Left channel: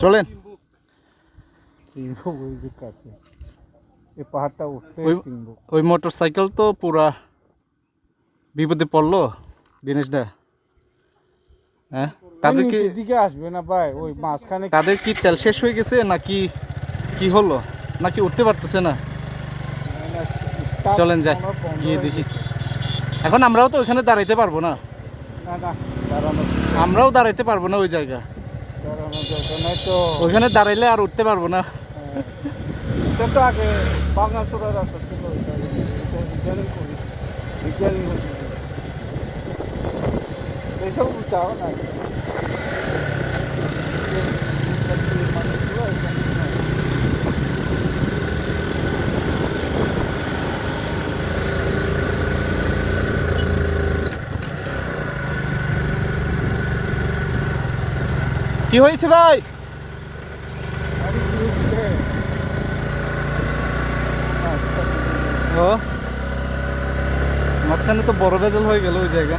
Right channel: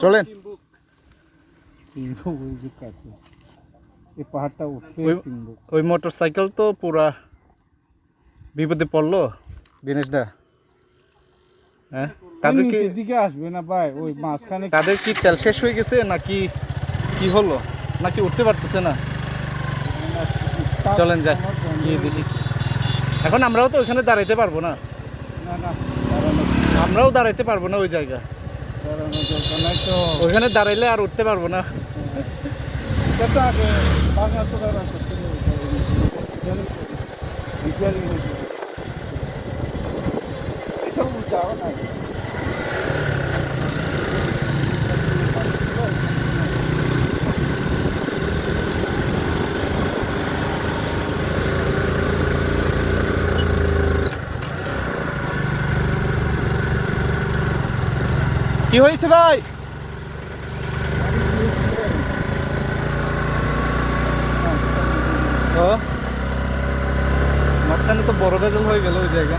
চলেন ওই এই পাহাড়টা উঠতে ওই- মোটর সাইকেল তো পুরা বিপদে পড়ল দিনেশদা হ্যাঁ? তাদের কি দিকে আসবে না ভাই? ওই মাঝখানে তাদের কি তেল শেষ হয়ে গেছে নাকি কি হলো? নাকি উঠতে পারতেছে না? চলেন যাই গিয়ে দেখি। এখন আমরাও তো ওইখানে দাঁড়াইতে পারব না। না না দাঁড়ানো আমরাও দাঁড়াইতে পারব না ওই জায়গাা ওইখানে দাঁড়াইলে আর উঠতে পারব না। হ্যাঁ। তো আগে এসব যাও নাই। কি হয়েছে ভাই? ও। মাঝখানে তো বড় ভেজল হয়ে গেল ওই জায়গা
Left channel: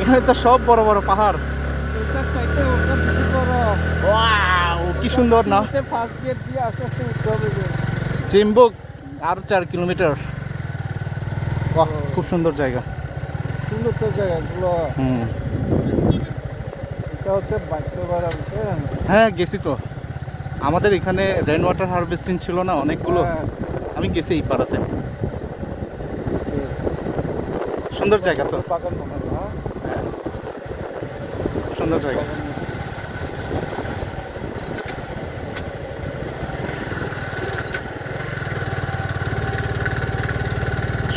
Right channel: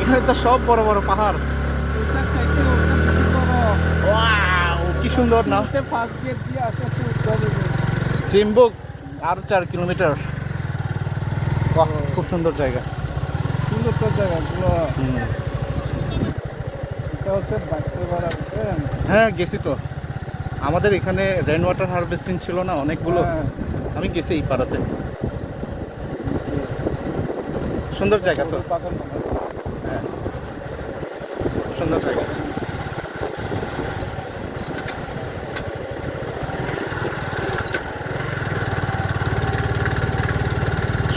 এখানে তো সব বড় বড় পাহাড়। কি সুন্দর না। চিম্বুক আর চার কিলোমিটার। খুব সুন্দর জায়গা। সুন্দর তো জায়গাগুলো হ্যাঁ গেছি তো। আমাদের এখানে রেন ওয়াটার হারভেস্টিং ছিল না অনেকগুলো। হ্যাঁ, আমি গেছি এই পাড়াতে। সুন্দর জায়গা তো বাগান মনে হয়, হ্যাঁ? সুন্দর জায়গা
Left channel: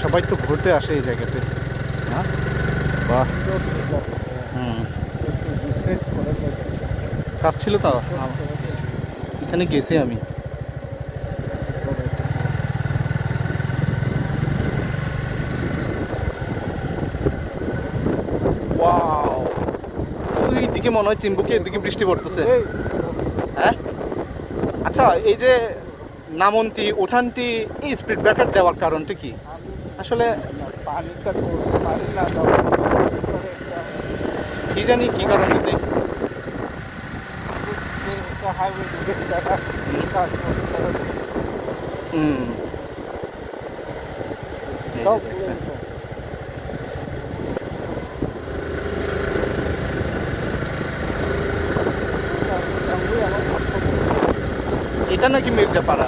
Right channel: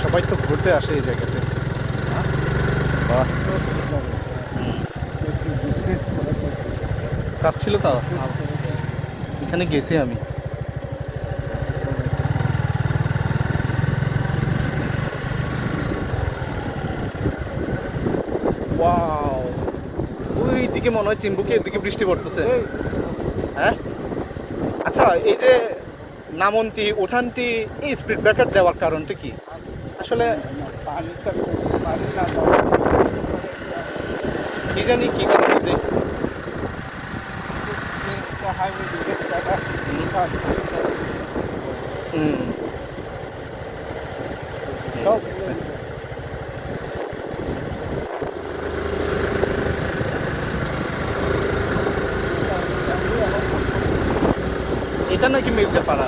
সবাই তো ঘুরতে আসে এই জায়গাতে। হ্যাঁ? বাহ। কাজ ছিল তো এখানে গেছি আমি। ওই দিকে মনে হয় চিম্বুকে এদিকে বৃষ্টি পড়তেছে। হ্যাঁ? আচ্ছা এই যে নামন্তি ওঠানটি এই স্পিড ব্রেকার দেওয়ার কারণটা কি? আসলে কি জানি কি কারণে হুম সব পুরো এরকম। এটা- এটা আমি আমার কাজ করব। এটা নাকি মির্জাপাড়া